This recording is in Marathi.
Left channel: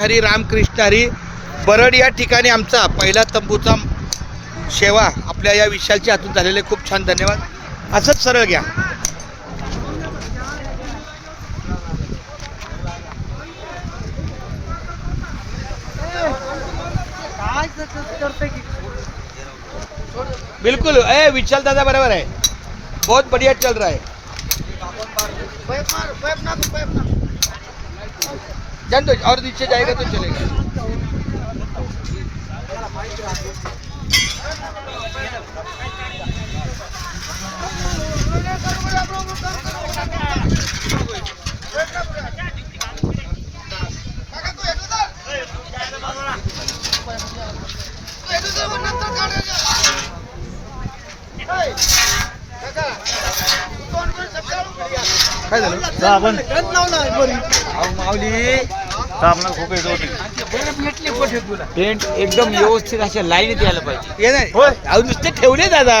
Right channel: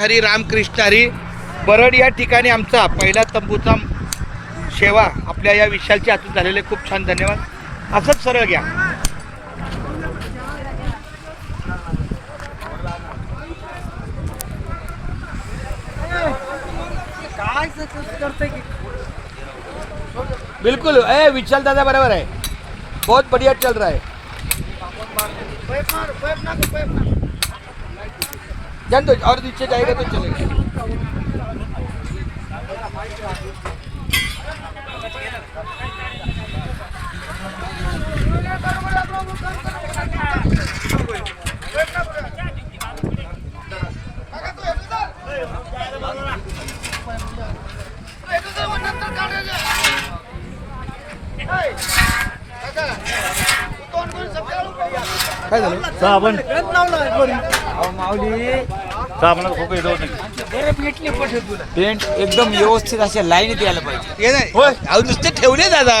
हरी रामकृष्ण हरी. बरड या ठिकाणी आमचा पहिला तंबूचा सेवा आपल्या या विशालच्या हातून झालेले खूप छान. धन्यवाद. असंच सरळ घ्या. बिल्कुल विशाल दादा बराबर है. बहुत बढ़िया चल रहा है. जान दो और नीचे जाएगा तो चलेगा. काय झालं? टेंट एकदम व्यवस्थित अशा लाईनीत यायला पाहिजे. हे नाही नुसते ठेवले दादा.